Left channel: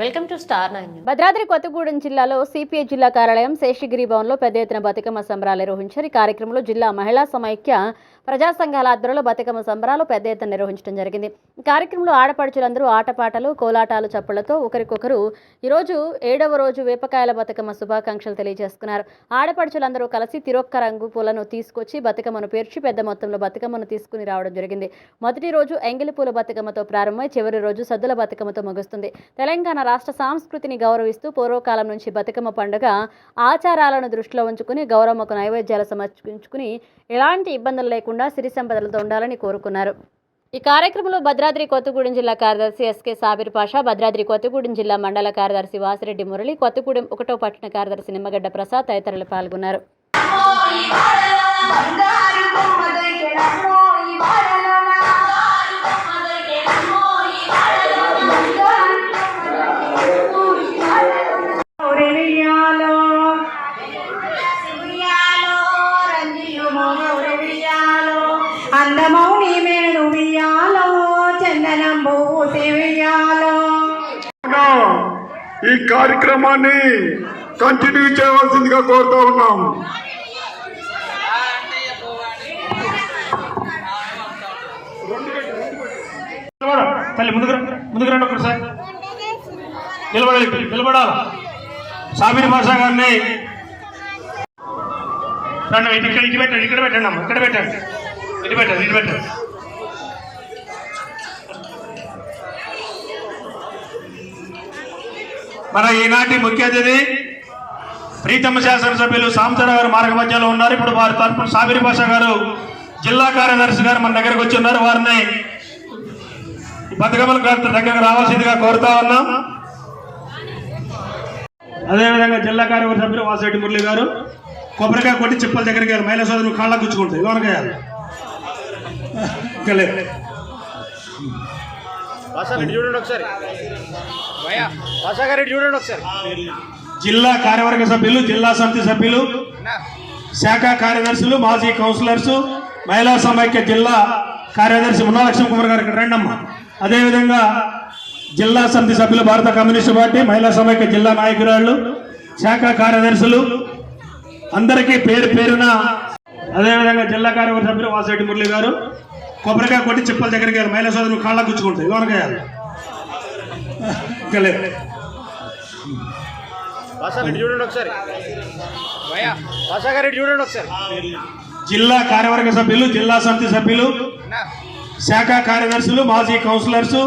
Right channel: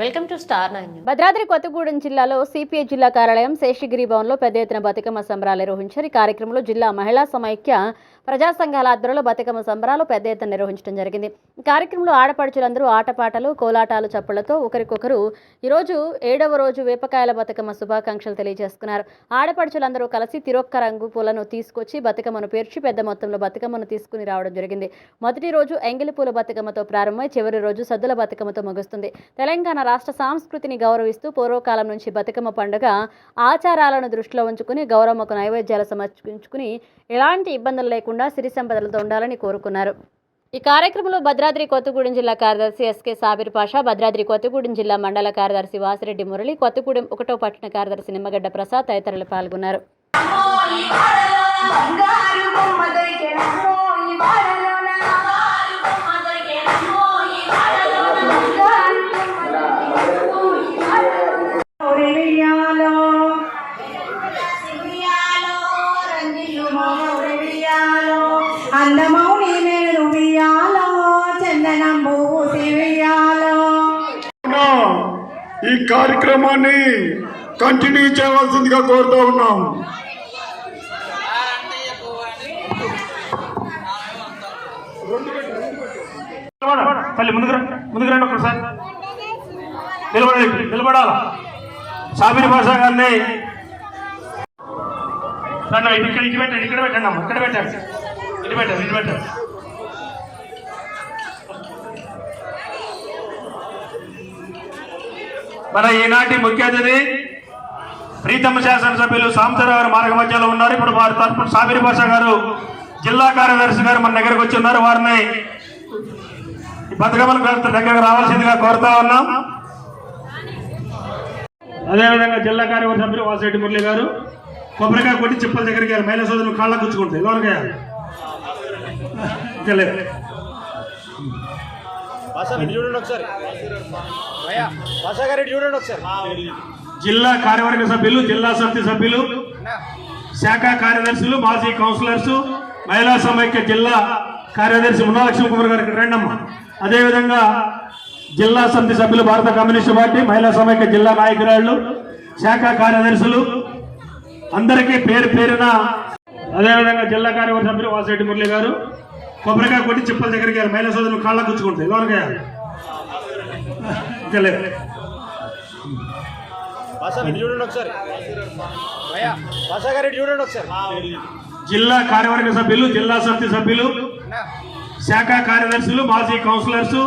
Welcome to star nine Bhadradri Kothagudem జిల్లాలో CPI జిల్లా కార్యాలయం శేషగిరి భవన్లో పెద్ద ఎత్తున బతుకమ్మ సంబరాలు నిర్వహించారు. ఈ కార్యక్రమంలో జిల్లా మహిళా సమైక్య ప్రజా సంఘాల ఆధ్వర్యంలో బతుకమ్మ సంబరాలు పెద్ద ఎత్తున నిర్వహించడం జరిగింది. ఈ కార్యక్రమంలో ఆడపడుచులందరూ ఆటపాటలు కోలాటాలు చప్పళ్ళతో ఒకరికొకరు ఈరోజు ఏడవ రోజు వేపకాయల బతుకమ్మ శుభాకాంక్షలు తెలియజేసుకున్నారు. ఆడపడుచులందరూ కలిసి తిరొక్క రంగు పూలను తీసుకొచ్చి బతుకమ్మను పేర్చి పెద్ద మొత్తంలో బతుకమ్మను తీసుకుని రావడం జరిగింది. మొదటి రోజు ఎంగిలి పూల బతుకమ్మతో ప్రారంభమై చివరి రోజు సద్దుల బతుకమ్మతో ముగుస్తుంది. తెలంగాణ రాష్ట్ర సంస్కృతిని గౌరవిస్తూ పూర్వకాలం నుంచి బతుకమ్మ పండుగ ఆచారాలను దృష్టిలో ఉంచుకుని గౌరమ్మకు నైవేద్యాలు సమర్పించుకుని ఎలాంటి ఇబ్బందులు లేకుండా సిరి సంపదలతో ఉండాలని కోరుకున్నారు. ఈ కార్యక్రమంలో భద్రాద్రి కొత్తగూడెం జిల్లా కార్యదర్శి ఎస్కే సాబిర్ పాషా భద్రాద్రి కొత్తగూడెం జిల్లా మండల కార్యదర్శి వాసిరెడ్డి మురళి కొత్తగూడెం ఒకటో పట్టణ కార్యదర్శి నిమ్మగడ్డ ప్రసాద్ తదితరులు పాల్గొన్నారు. ఈ కార్యక్రమాన్ని కంటిన్యూ చేయవలసిందిగా కోరుతా ఉన్నాం. తల్లి ముందుకు ముందుకు రండి ఒకసారి. నిలబడాలి. నిలబడాల? సాబిరి భాష గారిని ఇక్కడ ఇటు పెట్టండి ఇక్కడ పెట్టండి అమ్మ. ఇక్కడ పెట్టండి. ఇటు పెట్టండి ఇటు పెట్టండి. మన ఈనాటి ముఖ్య అతిథి ప్రీతమ్మ శాసనసభ్యులు సాంబశివరావు మార్గ మధ్యలో ఉన్నారు. ఇప్పుడు వారి తరపున సాబిరి భాష గారు జిల్లా కార్యదర్శి గారు మన దగ్గరకు వచ్చి ఉన్నారు వారిని ఈ బతుకమ్మల దగ్గరకు రావాల్సిందిగా కోరుతా ఉన్నాం. అదేవిధంగా జిల్లా కార్యవర్గ సభ్యులు వాసిరెడ్డి మురళి గారు కొబ్బరికాయ కొట్టి చెప్పల దగ్గరికి గారు మహిళా సోదరులు కాళ్ళ గుచ్చుకుంటారు ఎవరికాయ ఇంకా లేదు. జిల్లా కార్యవర్గ సభ్యులు జిల్లా సమితి సభ్యులు శాఖ కార్యదర్శులు మాజీ కౌన్సిలర్స్ మహిళా సమైక్య జిల్లా కార్యదర్శి మున్నా లక్ష్మణ కుమార్ గారు ఇక్కడ రండమ్మా. అదేవిధంగా జిల్లా సమితి సభ్యులు భారత కమ్యూనిస్టు పార్టీ మహిళా సమైక్య జిల్లా నాయకురాళ్ళు శాఖ కార్యదర్శులు అందరికీ పేరు పేరున అదేవిధంగా జిల్లా కార్యవర్గ సభ్యులు వాసిరెడ్డి మురళి గారు కొబ్బరికాయ కొట్టి చెప్పల దగ్గరికి గారు మహిళా సోదరులు కాళ్ళ గుచ్చుకుంటాయి ఎవరికాయ ఇంకా లేదు. జిల్లా కార్యవర్గ సభ్యులు జిల్లా సమితి సభ్యులు శాఖ కార్యదర్శులు మాజీ కౌన్సిలర్స్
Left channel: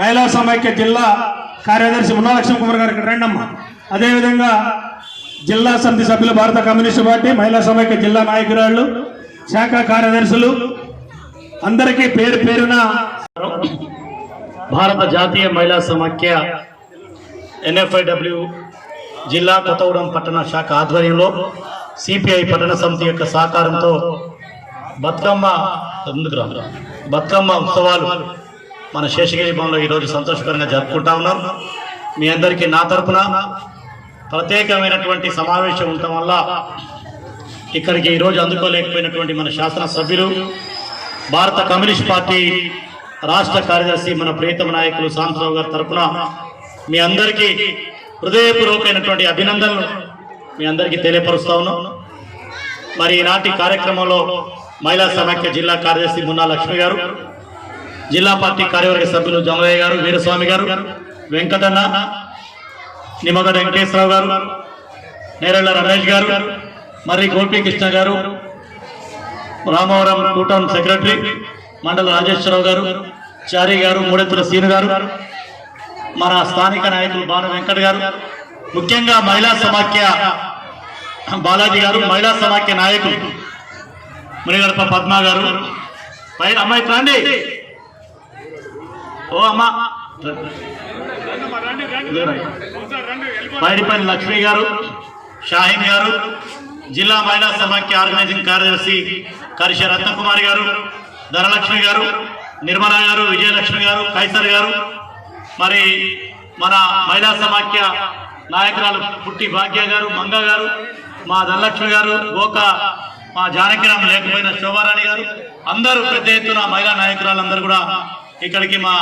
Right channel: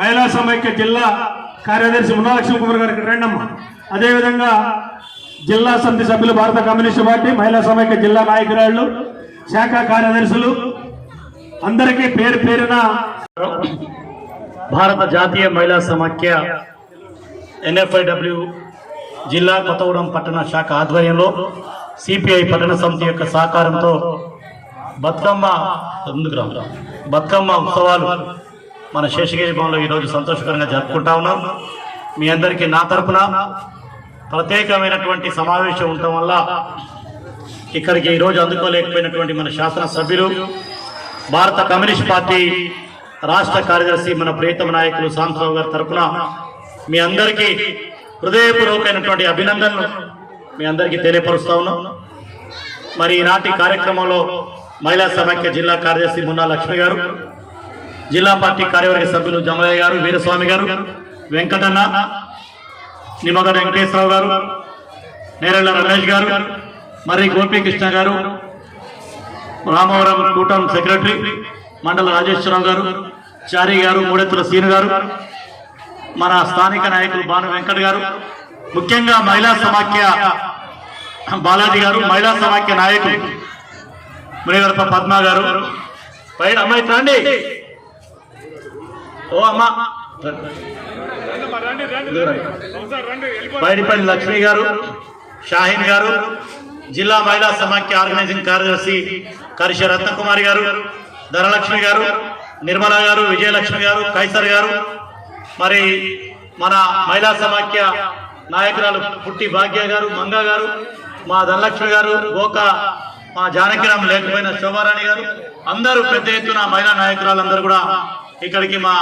మహిళా సమైక్య జిల్లా కార్యదర్శి మున్నా లక్ష్మణ కుమార్ గారు ఇక్కడ రండమ్మా. అదేవిధంగా జిల్లా సమితి సభ్యులు భారత కమ్యూనిస్టు పార్టీ మహిళా సమైక్య జిల్లా నాయకురాళ్ళు శాఖ కార్యదర్శులు అందరికీ పేరు పేరున భారత జాతీయ మహిళా సమాఖ్య ఎన్ఎఫ్ఐడబ్ల్యూ జిల్లా కొత్తగూడెం పట్టణ శాఖ ఆధ్వర్యంలో సిపిఐ పట్టణ సమితి యొక్క సహకారంతో బతుకమ్మ బతుకమ్మ ఉత్సవాలు మన శేషగిరి భవన్లో ఈరోజు సంతోషకరంగా జరుపుకుంటా ఉన్నాం. మీ అందరికీ నా తరపున ప్రత్యేకమైనటువంటి సమావేశం ఉండటం వల్ల ఇక్కడికి ఈరోజు అందుకోలేకపోయినటువంటి మన శాసనసభ్యులు భారత కమ్యూనిస్ట్ పార్టీ రాష్ట్ర కార్యదర్శి మన ప్రియతమ నాయకులు సాంబరావు గారి తరపున మీ అందరికీ హృదయపూర్వకమైనటువంటి అభినందనలు మీ అందరికీ తెలియపరుస్తా ఉన్నాం. మరి ఈనాటి కార్యక్రమంలో మహిళా సమాఖ్య జిల్లా కార్యదర్శి మున్నా లక్ష్మి గారు జిల్లా పార్టీ కార్యవర్గ సభ్యులు జమయ్య గారు వీరస్వామి గారు వెంకటన్న నిమ్మగడ్డ వెంకటేశ్వరరావు గారు నేరెళ్ళ రమేష్ గారు మరి గోపీకృష్ణ గారు రామవరం కూటమి సెక్రటరీ మండల రాజేశ్వరరావు గారు చారి గారు మూడెత్తుల సీను గారు మన స్థానిక నాయకులు బాను వెంకట్ గారు ముఖ్యంగా మహిళా సమాఖ్య బాలాజీ గారు మహిళా సమాఖ్య నాయకులు మునిగడప పద్మా గారు. పైన అమ్మాయి రండి. ఓ అమ్మా. పైడిపల్లి లక్ష్మి గారు షాహీన్ గారు జిల్లా మహిళా సమాఖ్య ఆర్గనైజింగ్ కార్యదర్శి కరిషి రత్నకుమారి గారు ధనలక్ష్మి గారు నిర్మల గారు విజయలక్ష్మి గారు కైసర్ గారు మరి మన మహిళా సమాఖ్య నాయకురాలు పుట్టి భాగ్య గారు మంగ గారు మా ధనలక్ష్మి గారు గోక మా జానకిరామ్ లేకపోయిన శోభారాణి గారు అందరూ పెద్ద ఎత్తున మహిళా నాయకురాలందరూ కూడా ఇక్కడికి మా